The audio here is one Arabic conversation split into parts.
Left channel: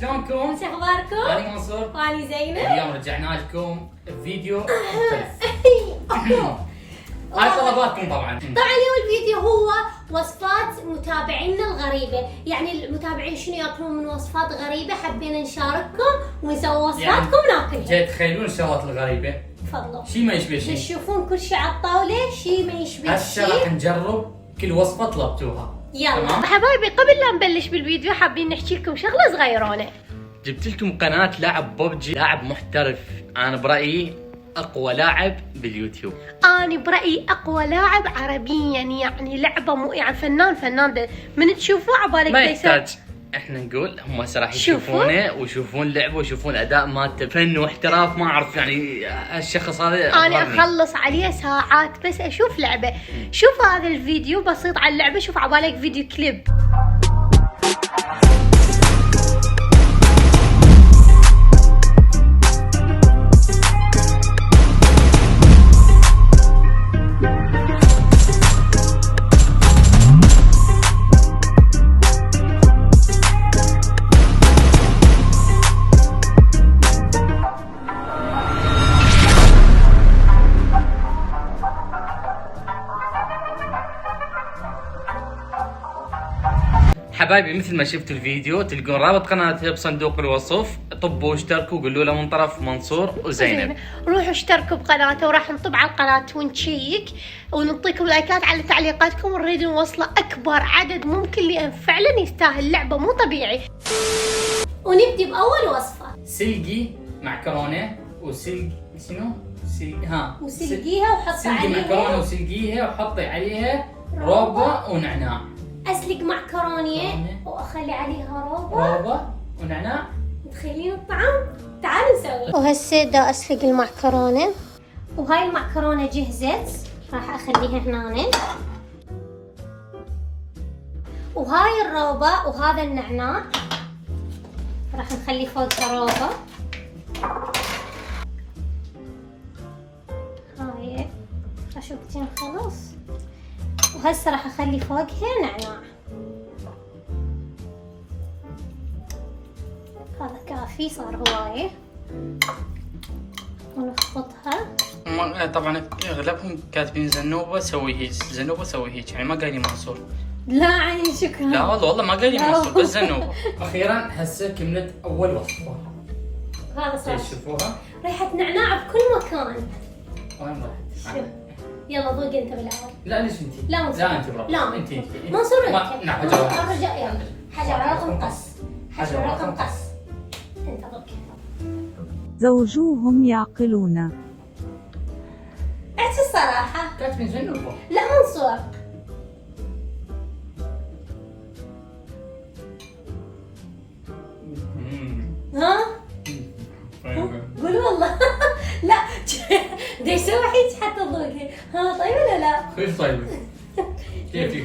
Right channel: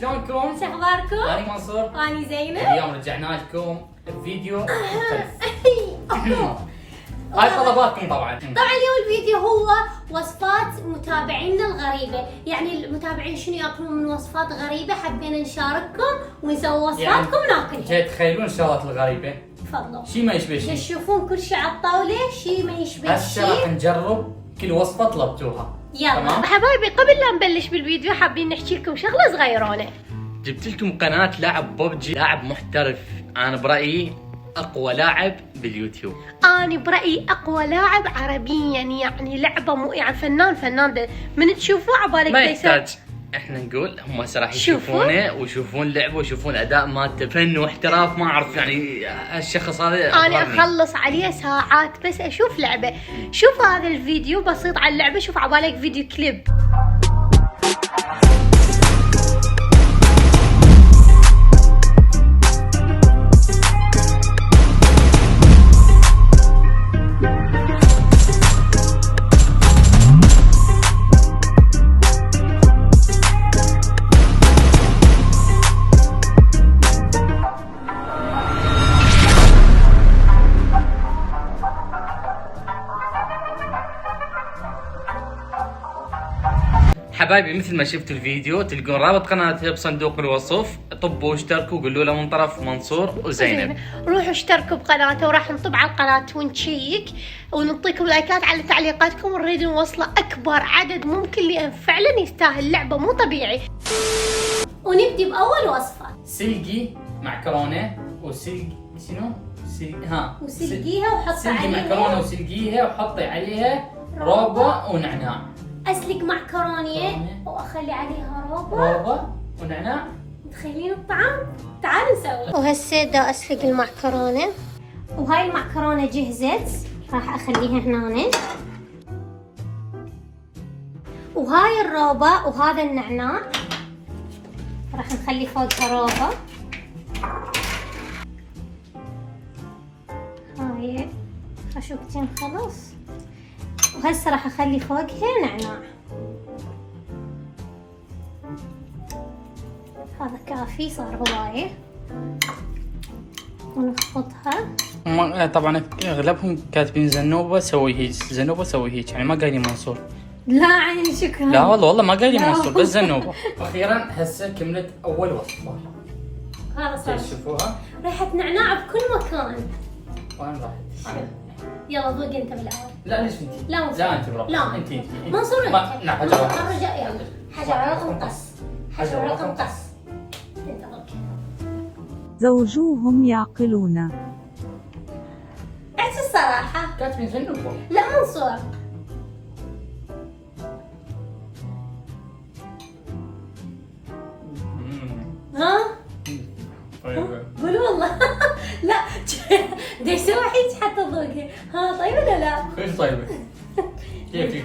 شلونكم؟ شو اخباركم؟ أنا منصور. وأنا زينب. اليوم رجعنا لكم بفيديو مختلف. هاي طلباتكم طبعا. طبعا اليوم الفيديو هو وصفات متابعينا الغريبة، يعني المتابعين شنو ياكلون من وصفات غريبة، حبينا نشارككم ونسوي وصفاتكم وناكلها. جاي تخيلون الشغلات الغريبة؟ تفضلوا. شي ما يشبه شي. تشوفون كل شيء على الطاولة، شي ما يشبه هسه راح شي. نجرب كل وصفة طلبتوها. يلا تمام؟ حبايبي، قبل لا نبلش بالفيديو حابين نحكي لكم شغلة صغيرونة. جبت لكم قناة لاعب ببجي، لاعب محترف، أنا برأيي أقوى لاعب باليوتيوب. أنا برأيي أقوى لاعب عربيا، يعني لعبة مو يعني فنان ده من تشوفوه عبالك ما يحتاج احنا نقول، هم هسه راح يشوفونه ويشوفون لعبه ويشوفون اداء مالته، فن واحتراف، ما اعرف يعني هالشخص هذا انا اخلص عليه ساعات بس اشوف لعبه. شوف هذا الفيديو بسيط على اللعبه، شوف عبالك فيديو كليب. حبايبي مثل ما شفتوا الفيديو تلقون رابط قناتها بصندوق الوصف، طبوا واشتركوا وقولوا له من طرف منصور وزينب. روحوا اشتركوا بقناته وراح نطب على القناة ونشيك ونعطيكم لايكات على تعليقاتكم، ونريد نوصله اكبر عدد ممكن لان فعلا يستاهل، لعبة مو طبيعي. ونبدي باول وصفة. سلقي معكرونة وسلق شنو؟ وسلقيها وحطي سلقي معكرونة عليها وسلقيها وحطي عليها روبا ونعناع. اسلق معكرونية واخلي عليها روبا ونعناع. متخيلين الطعم؟ تعالوا نسوي. وهسه دا اسلق المعكرونة، وهاي المعكرونة جهزت، راح اخليها هنا. وهاي الروبا وهذا النعناع راح نخلي فوقها روبا. هاي خشوقتين خلاص، وهسه راح اخلي فوقها نعناع. هذا كافي، صار هوايه. ونخفضها. طبعا اغلبهم كاتبين زنوبه سوي هيك، زنوبه سوي هيك، يعني ما قايلين منصور. لا عين شكرا. لا والله ما قايلين منصور، بس زنوبه. اخيرا هسه كملت اول وصفه. هذا صار تشوفوها ريحة نعناع بكل مكان. وين راح؟ يلا ذوق انت بالاول. لا ليش انت؟ لا منصور. لا انت برا. لا انت منصور ما- انت. لا، منصور حجر. الرجاء يلا. حجر رقم قص. حجر رقم قص. انت ذوق. زوجوهم يعقلون. اعطي الصراحة. كاتبين زنوبه. لا منصور. ها؟ قول والله. لا دا يسوي هيك حتى ذوقها. ها طيب ولا لا؟ كيف طيبه؟ كيف؟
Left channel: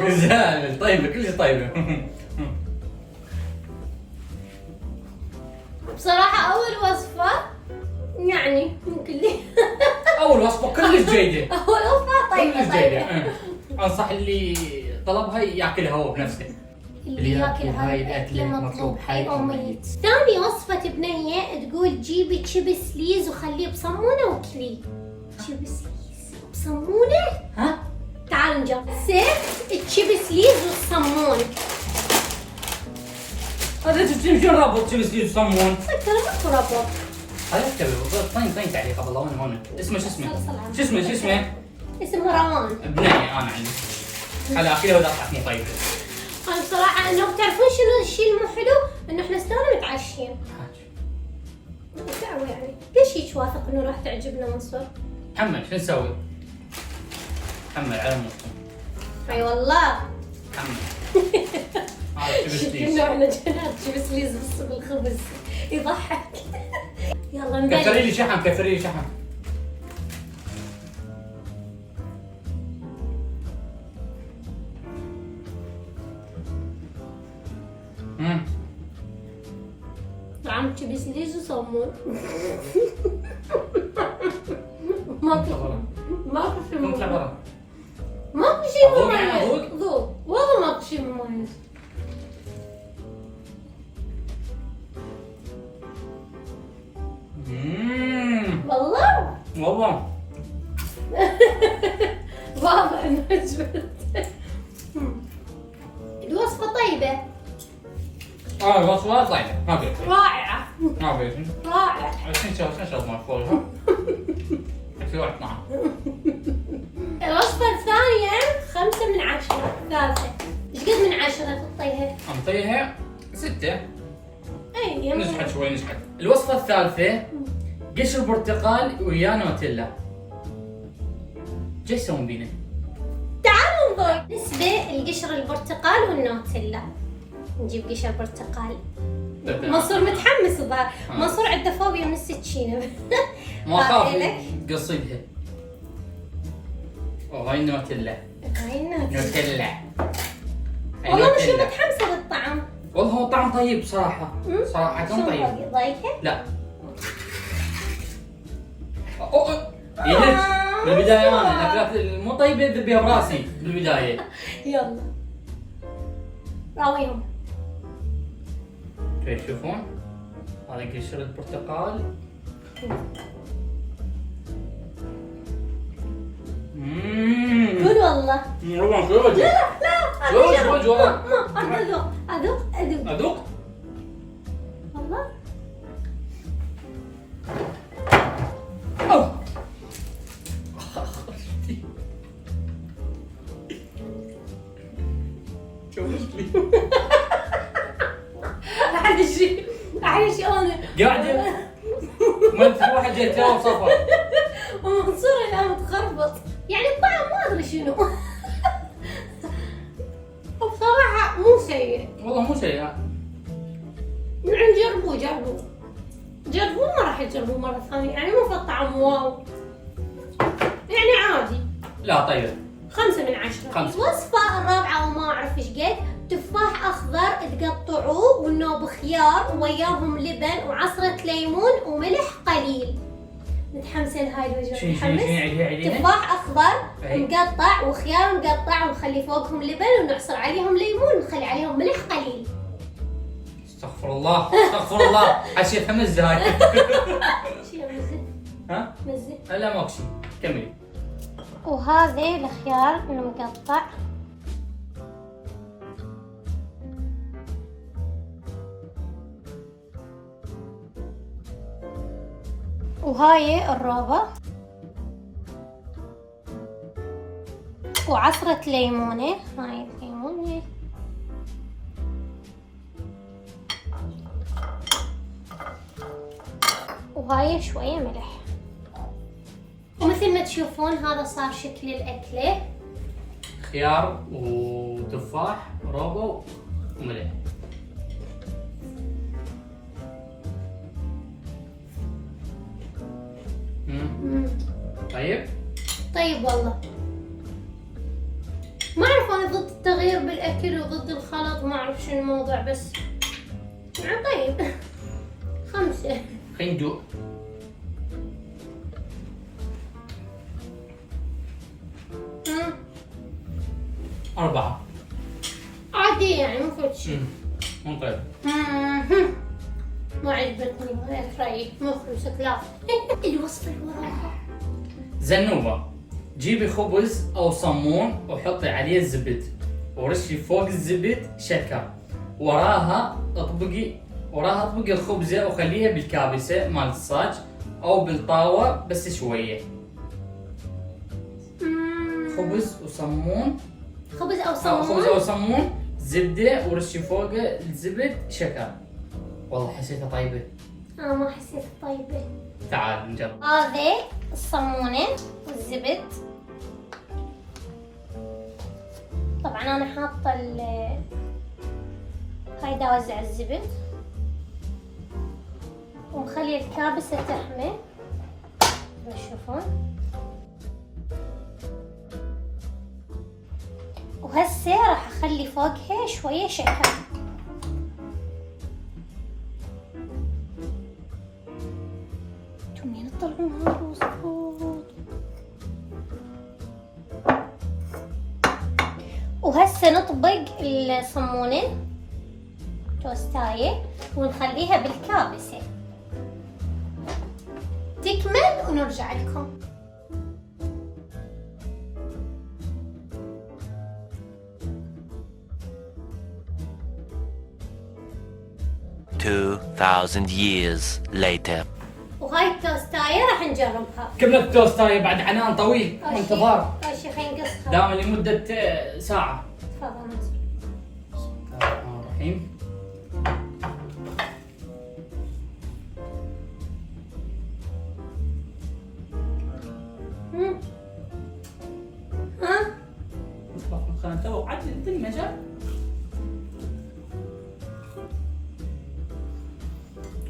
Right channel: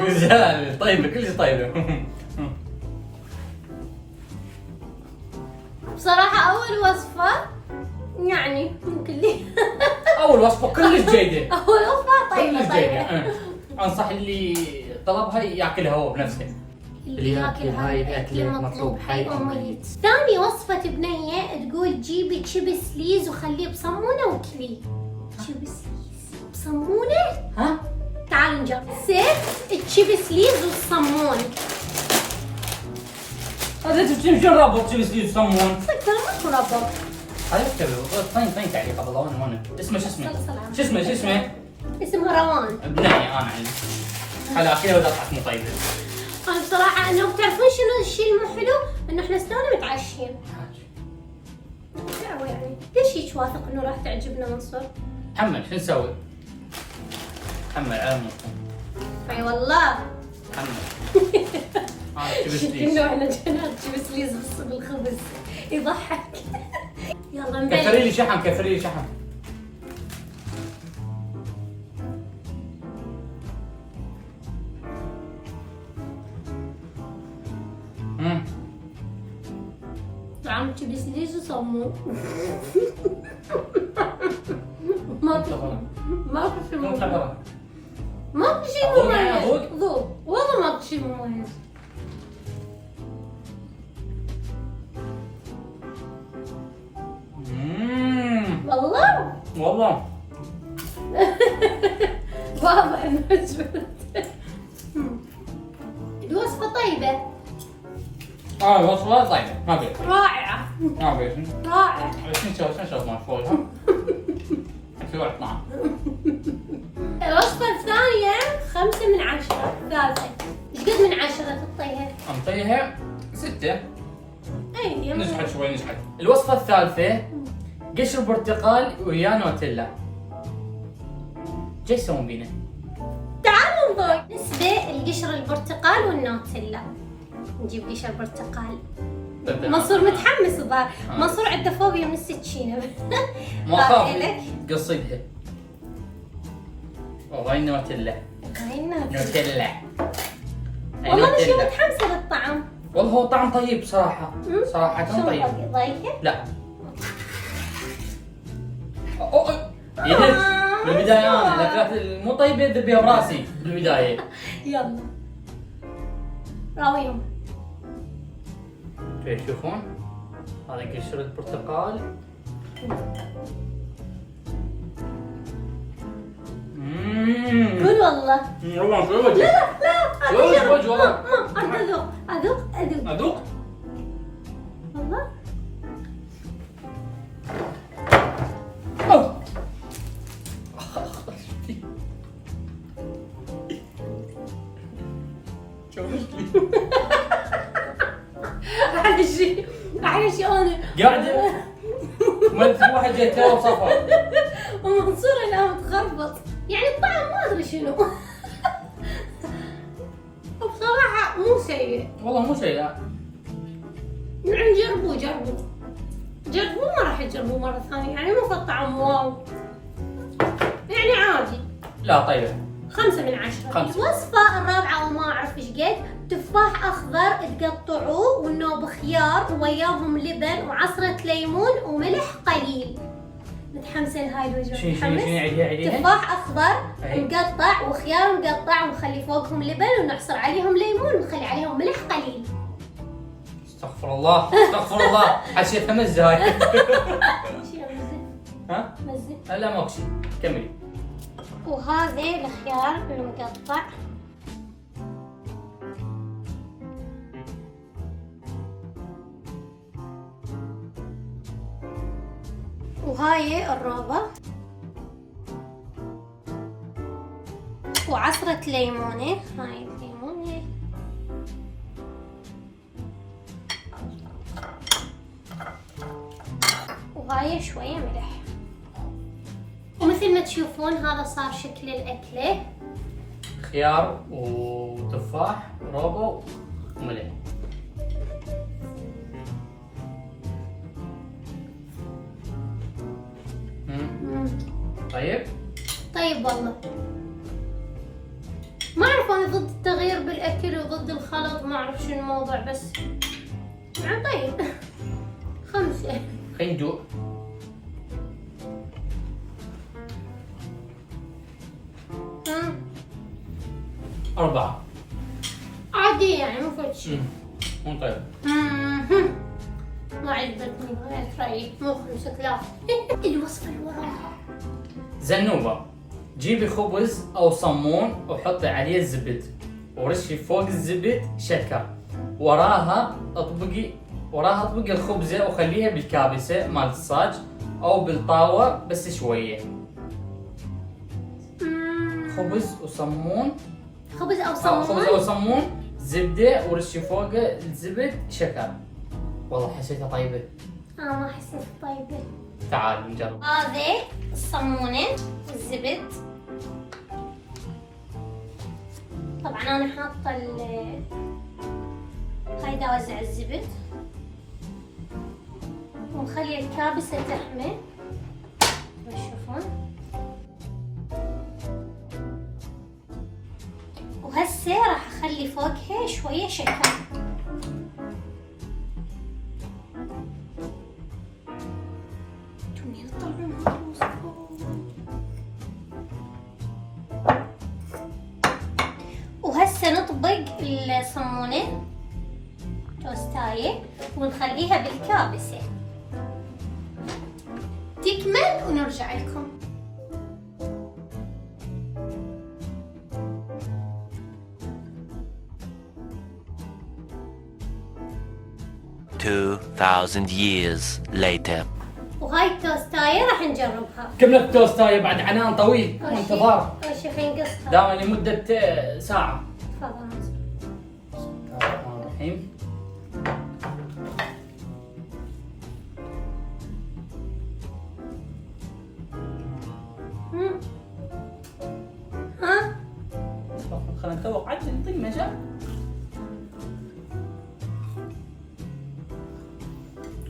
غزال طيبه، كل شيء طيبه. بصراحة أول وصفة يعني ممكن لي. اول وصفه كلش جيده. أول وصفة طيبة كلش طيبة. جيده. انصح اللي طلبها ياكلها هو بنفسه. اللي ياكل هاي الأكل مطلوب حي أو ميت. ثاني وصفة بنية تقول جيبي تشيبس ليز وخليه بصمونة وكليه. تشيبس ليز بصمونة؟ ها؟ تعالوا نجرب. سيف تشيبس ليز والصمون. هذا تجيب شو الرابط تشيبس ليز صمون؟ صدق ترى ماكو ربط. هذا اكتب طين تعليق قبل هون هون. اسمه شو اسمه؟ صل على شو اسمه شو اسمه؟ اسمها روان. بنية انا عندي. خلا اكلها ولا طلعتني طيبه. أنا بصراحة إنه بتعرفون شنو الشيء المو حلو؟ إنه إحنا استونا متعشين. دعوة يعني، ليش هيك واثق إنه راح تعجبنا منصور؟ محمد شو نسوي؟ محمد على المصطفى. اي والله. محمد. هذا تشيبس ليز. كنا احنا جينا تشيبس ليز بالخبز يضحك. يلا نبلش. كثري لي شحم، كثري لي شحم. طعم تشيبس ليز وصمون. ماكو شيء. شو خبره؟ ماكو شيء أذوق يعني مميز. أذوق؟ ذوق والله ماكو شيء مميز. والله والله واضح انه عجبك. الوصفة طيبة الوصفة طيبة ما في رائعة ما في رائعة. شنو مال فوقها؟ في واحد طعم. الوصفة الثانية 5 من 10. الثالثة ايش قد من 10 تعطيها؟ أعطيها 6. اي يمكن. نجحت شوي نجحت. الوصفة الثالثة قشر برتقال ويا نوتيلا. جاي يسوون بينا؟ تعالوا نذوق. بالنسبة لقشر البرتقال والنوتيلا، نجيب قشر برتقال. منصور متحمس الظاهر. منصور عنده فوبيا من السكينة. ما هاي لك. اخاف قصيدها. وهاي نوتيلا. هاي النوتيلا. نوتيلا. والله انا شو نوتيلا. متحمسة للطعم. والله هو طعم طيب صراحة. صراحة كان طيب. ضايقة؟ لا. يلك بالبداية انا الاكلات مو طيبة ذبيها براسي بالبداية. يلا راويهم. تشوفون؟ هذا قشر البرتقال. قول والله. والله شو وجه؟ لا وجه والله. ما اذوق اذوق اذوق أذوق؟ والله. أوه. احلى شيء انا قاعدة ما في واحد جاي تو صفر. ومنصور الان متخربط. يعني الطعم ما ادري شنو. وبصراحة مو سيء. والله مو سيء. يعني جربوا ما راح تجربوه مرة ثانية. يعني مو في الطعم واو، يعني عادي. لا طيبة. 5 من 10. 5. الوصفة الرابعة وما أعرف إيش قد. تفاح أخضر تقطعوه والنوب خيار وياهم لبن وعصرة ليمون وملح قليل. متحمسة لهاي الوجبة. شنو متحمس؟ عيديها. تفاح أخضر أي. مقطع وخيار مقطع ونخلي فوقهم لبن ونعصر عليهم ليمون ونخلي عليهم ملح قليل. استغفر الله استغفر الله. حسيتها مزة هاي. شي مزة. ها؟ مزة. لا ماكو شيء. كملي. وهذا الخيار المقطع. وهاي الروبة وعصرة ليمونة. هاي الليمونة وهاي شوية ملح. ومثل ما تشوفون هذا صار شكل الأكلة. خيار وتفاح روبو وملح. طيب. طيب والله ما أعرف، أنا ضد التغيير بالأكل وضد الخلط، ما أعرف شنو الموضوع، بس يعني طيب. 5. خلينا ندوق. مم. 4. عادي يعني مو فد شيء. مو طيب. ما عجبتني غير رأيي. مو 5 كلاس. الوصفة اللي وراها زنوبة. جيبي خبز أو صمون وحطي عليه الزبد ورشي فوق الزبد شكر. وراها اطبقي الخبزة وخليها بالكابسة مال الصاج أو بالطاوة بس شوية. خبز وصمون. خبز أو خبز أو صمون. صمون زبدة ورشي فوق الزبد شكر. والله حسيتها طيبة. ما حسيت طيبة. تعال نجرب. هذه الصمونة والزبد. طبعا انا حاطة هاي دا اوزع الزبد ونخلي الكابسة تحمل. تشوفون. وهسه راح اخلي فوقها شوية شكر. وهسه نطبق الصمونة توستاية ونخليها بالكابسة تكمل ونرجع لكم. 2000 years later. وهاي التوستاية راح نجربها. كملت التوستاية بعد عنان طويل وانتظار أول شي خلينا نقصها. دائما لمدة ساعة. تفضل. بسم الله الرحمن الرحيم. ها؟ خلينا نتوقع عاد نعطي المجال.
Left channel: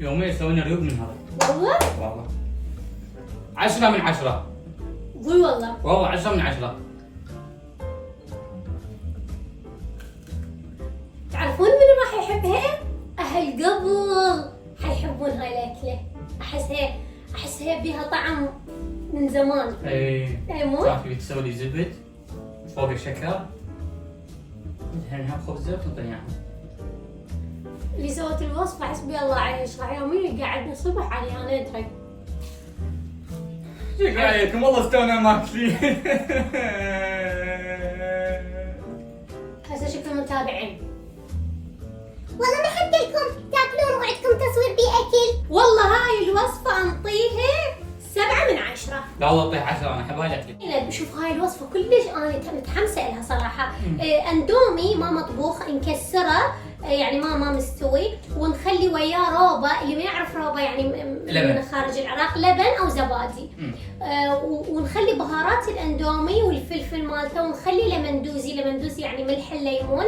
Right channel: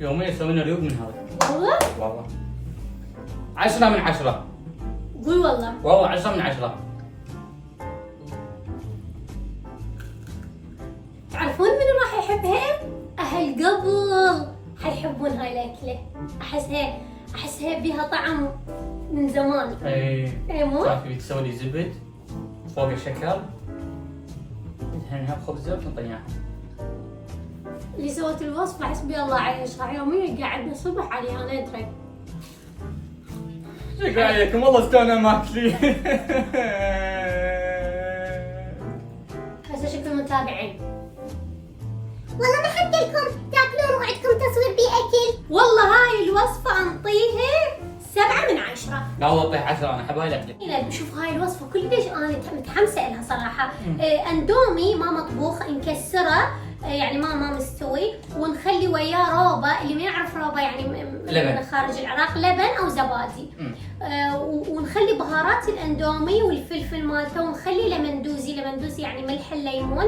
يوميا يسوون ريوق من هذا. والله؟ والله 10 من 10. قول والله. والله 10 من 10. تعرفون منو راح يحبها؟ أهل قبل حيحبون هاي الأكلة. أحسها بيها طعم من زمان. اي مو؟ كانت تبي تسوي لي زبد فوق الشكر. الحين نحط خبزة ونطيعها. اللي سوت الوصفة حسبي الله عليها، راح يوميا قاعدنا الصبح عليها أنا أدري. شق عليكم والله استونا ماكلين. هسه شكل متابعين. والله ما حد لكم تاكلون وعندكم تصوير بيه اكل. والله هاي الوصفة أنطيها 7 من 10. لا والله اعطيها 10 انا احب هاي الاكله. لا بشوف هاي الوصفة كلش أنا متحمسة لها صراحة. أندومي ما مطبوخ نكسره يعني ما مستوي ونخلي وياه روبا. اللي ما يعرف روبا يعني من خارج العراق لبن أو زبادي. ونخلي بهارات الأندومي والفلفل مالته ونخلي لمندوزي يعني ملح الليمون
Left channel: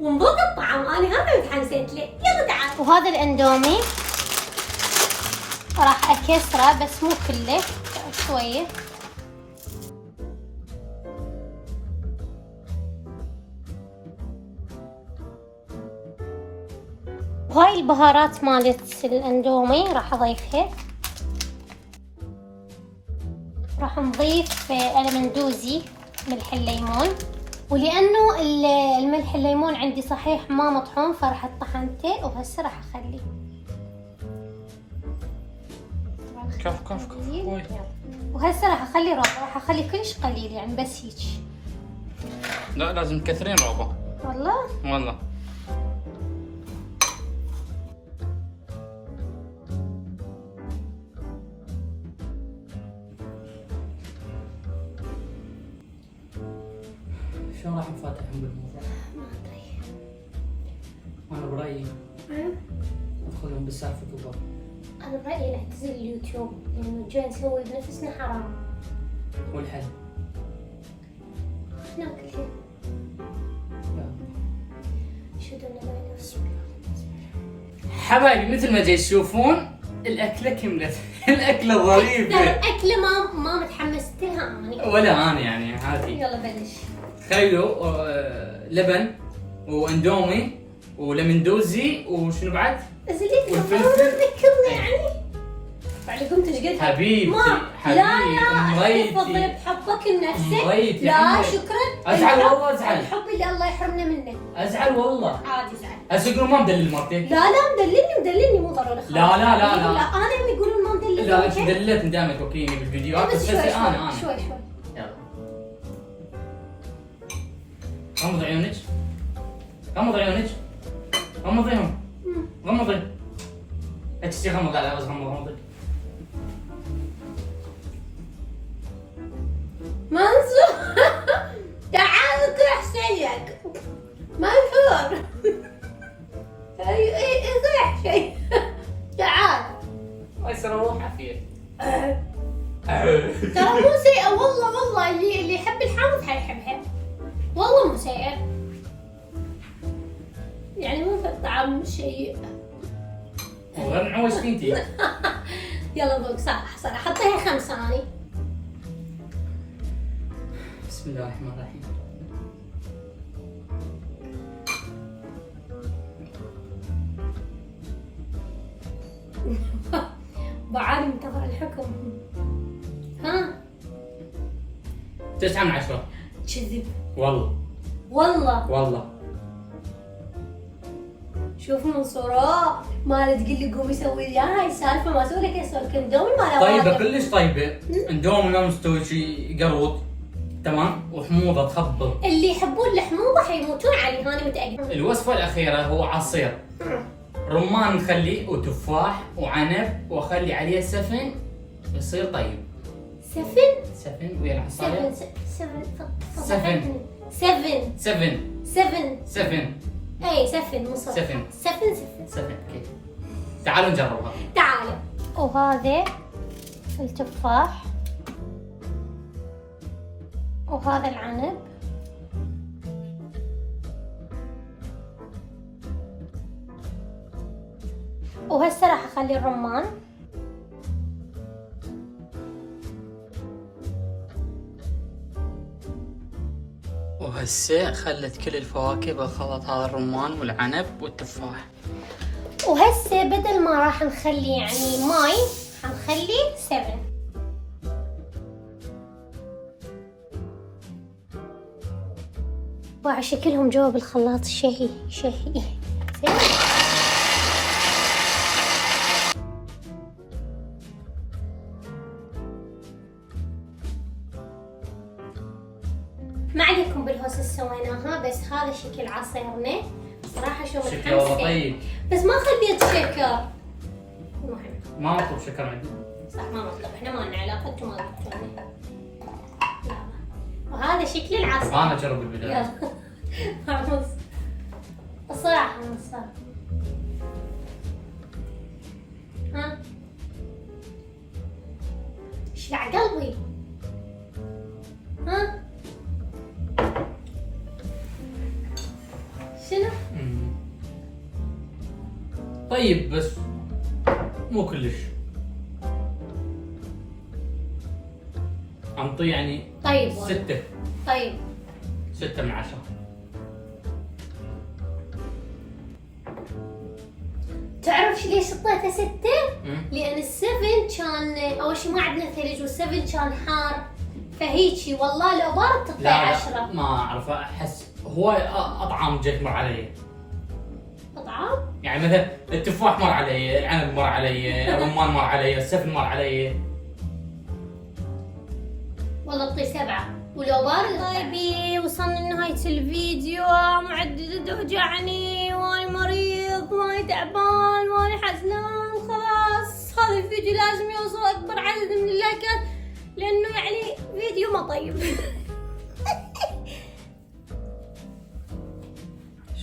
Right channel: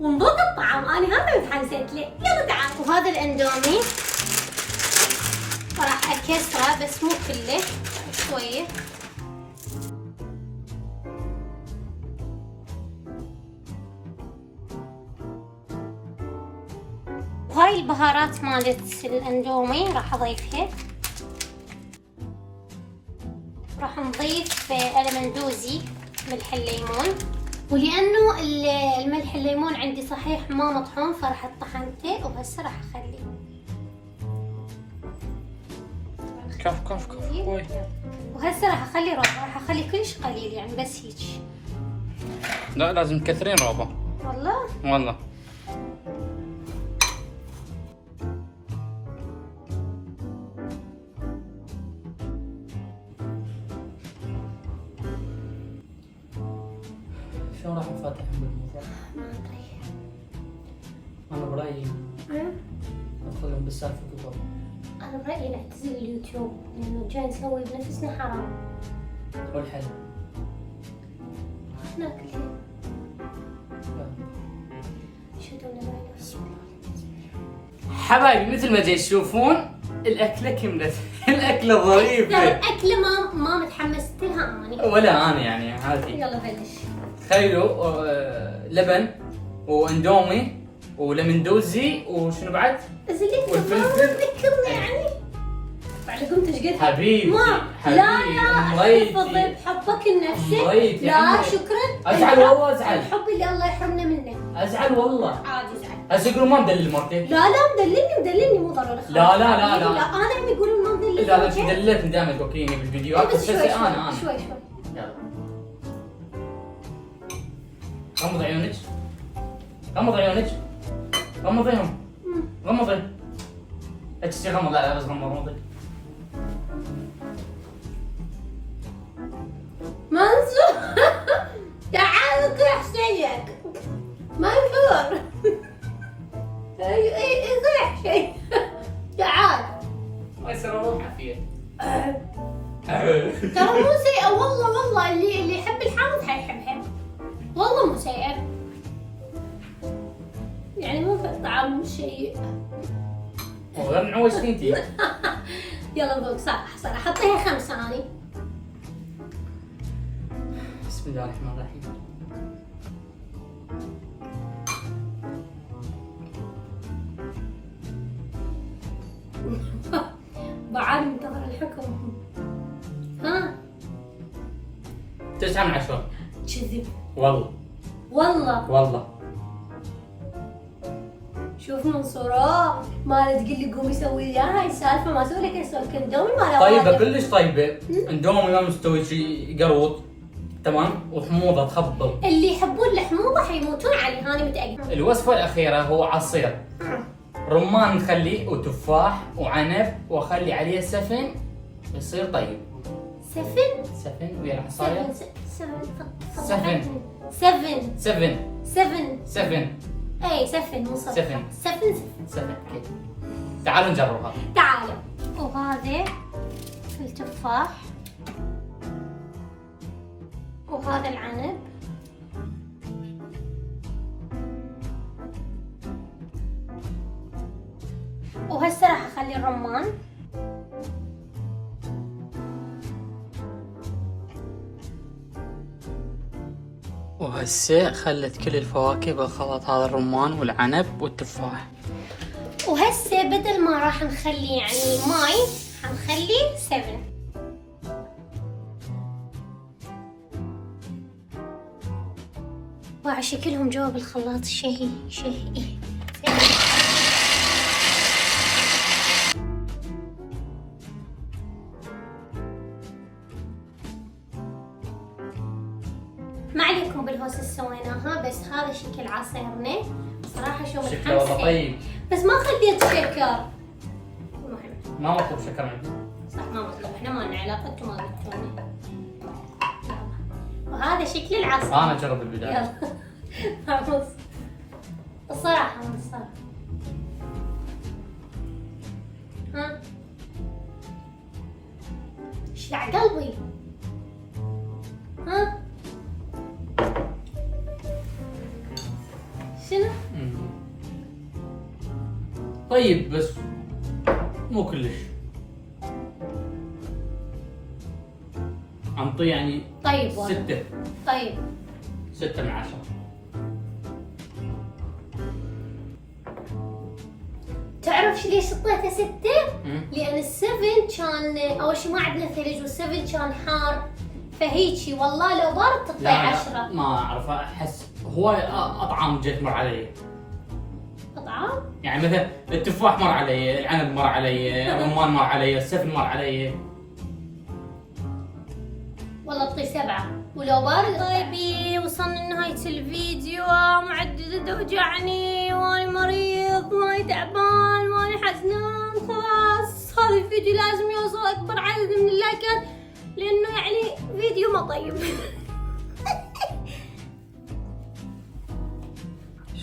ونضبط الطعم. أنا هذا متحمسة له. يلا تعال. وهذا الأندومي راح أكسره بس مو كله شوية. وهاي البهارات مالت الاندومي راح اضيفها. راح نضيف المندوزي ملح الليمون، ولانه الملح الليمون عندي صحيح ما مطحون فراح طحنته وهسه راح اخليه. كف وهسه راح اخلي روبا، راح اخلي كلش قليل يعني بس هيك. لا لازم تكثرين روبا. والله والله شلون راح نفاتحهم بالموضوع؟ ما ادري. انا برايي ادخلهم بالسالفه كبر. انا برايي نعتزل اليوتيوب لانه جاي نسوي بنفسنا حرام. والحل ناكل شيء. اشهد ان لا اله الا الله. حبايبي مثل ما جاي تشوفون الاكله كملت. الاكله ظريفه. اكله ما متحمست لها اني. ولا انا يعني عادي. يلا بلش. تخيلوا لبن واندومي ولمندوزي وشنو بعد؟ زليت ما والفلفل. تذكرني يعني. بعد قمت ايش قد حبيبتي ما حبيبتي لا احتفظ بحبك لنفسك. مضيتي لا عمرك. شكرا. ازعل والله ازعل. الحب اللي الله يحرمنا منه. ازعل والله. عادي زعل. هسه يقولون ما مدلل مرتي. لا مدللني مو ضروري خلاص. لا انا هم يقولون ما مدللني. لا انت دللتني دائما توكليني بالفيديوهات بس شوي انا شوي. يلا غمضي عيونك. غمضيهم. غمضي. لا تشتي غمض. لا بس غمضي. منصور تعال اطيح شيك. منصور اطيح شيء. تعال. هاي سنة روح عافية. ترى مو سيئة والله اللي يحب الحامض حيحبها. والله مو سيئة. يعني مو في الطعم شيء. وغير معوجتين انتي. يلا ذوق صح حطيها 5 ثواني. بسم الله الرحمن الرحيم. بعد منتظر الحكم. ها 9 من 10. كذب. والله والله. شوف منصورة ما تقول لي قومي سوي لي هاي السالفة، ما اسوي لك اسوي كندومي ما طيبة كلش طيبة. اندومي ما مستوي شي قروط تمام وحموضة تخبل. اللي يحبون الحموضة حيموتون عليه، هاني متأكدة. الوصفة الأخيرة هو عصير رمان نخليه وتفاح وعنب واخلي عليه سفن يصير طيب. سفن ويا العصاية. سفن اي سفن مو صفر. سفن اوكي. تعالوا نجربها. تعالوا. وهذا التفاح وهذا العنب وهسه راح اخلي الرمان. وهسه خلت كل الفواكه بالخلط، هذا الرمان والعنب والتفاح. وهسه بدل ما راح نخلي يعني ماي حنخلي 7. باع شكلهم جوا بالخلاط شهي. ما عليكم بالهوس سويناها، بس هذا شكل عصيرنا صراحة شو شكله والله متحمسة. طيب. بس ما خليت شكر. المهم ما مطلوب شكر عندي. صح ما مطلوب، احنا ما لنا علاقة، انتم ما قلتوني. وهذا شكل العصير. انا اجرب البداية. يلا فاموس الصراحة مصر. ها شلع قلبي. ها شنو؟ طيب بس مو كلش. انطيه يعني طيب والله. 6. طيب 6 من 10. تعرف ليش اعطيته 6؟ لأن ال7 كان أول شي ما عندنا ثلج، وال7 كان حار، فهيجي والله لو بارد تطلع 10. ما اعرف، احس هواي اطعام جت مر علي. أطعام؟ يعني مثلا التفاح مر علي، العنب مر علي، الرمان مر علي، السفن مر علي. والله اعطيه 7 ولو بارد. طيبي وصلنا لنهاية الفيديو. معدة توجعني واني مريض واني تعبان واني حزنان. خلاص هذا الفيديو لازم يوصل اكبر عدد من اللايكات لانه يعني فيديو ما طيب.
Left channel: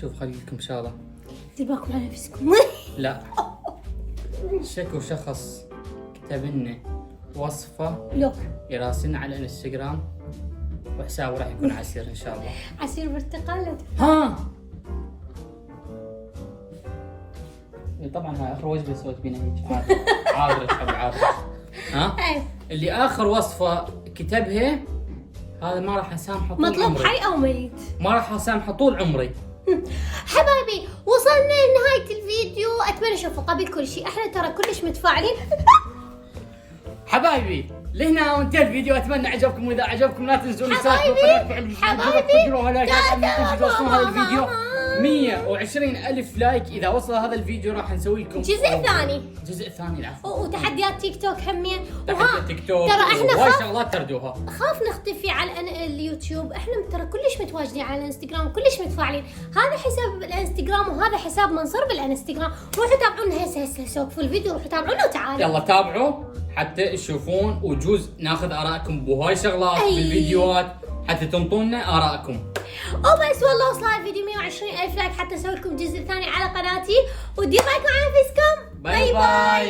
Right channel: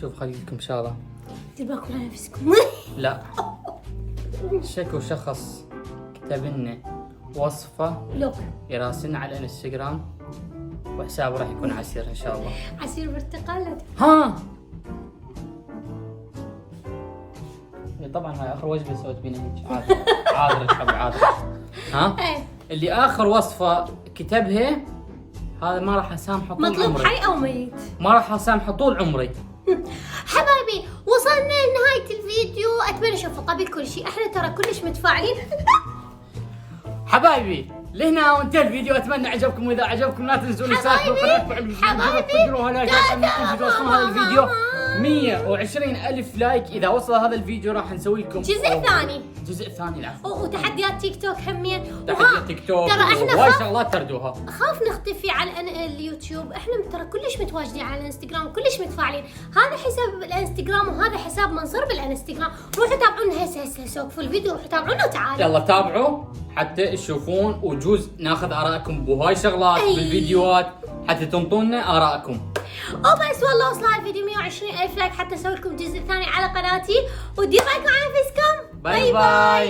شوف خلي لكم شغله. دير بالكم على نفسكم. لا شكو شخص كتب لنا وصفه لوك يراسلنا على الانستغرام وحسابه راح يكون عسير ان شاء الله. عصير برتقال. ها طبعا هاي اخر وجبه سويت بينا هيك. عاذرك حبي عاذرك. ها اللي اخر وصفه كتبها هذا ما راح اسامحه طول مطلوب عمري. حي او ميت. ما راح اسامحه طول عمري. حبايبي وصلنا لنهاية الفيديو، اتمنى اشوفكم قبل كل شيء احنا ترى كلش متفاعلين. حبايبي لهنا وانتهى الفيديو، اتمنى عجبكم، واذا عجبكم لا تنسون حبايبي تقدروا لايك هذا الفيديو 120,000 لايك. اذا وصل هذا الفيديو راح نسوي لكم جزء ثاني العفو. وتحديات تيك توك همين. تحديات تيك توك ترى احنا وايد شغلات تردوها. خاف نختفي على اليوتيوب، احنا ترى كلش متواجدين على الانستغرام كلش متفاعلين. هذا حساب بالانستغرام وهذا حساب منصور بالانستغرام. روحوا تابعونا هسه سوقفوا الفيديو، روحوا تابعونا وتعالوا. يلا تابعوا حتى تشوفون وجوز ناخذ ارائكم بهاي شغلات بالفيديوهات حتى تنطونا ارائكم. وبس والله وصل هذا الفيديو 120,000 لايك حتى اسوي لكم جزء ثاني على قناتي. ودير بالكم على نفسكم. باي باي.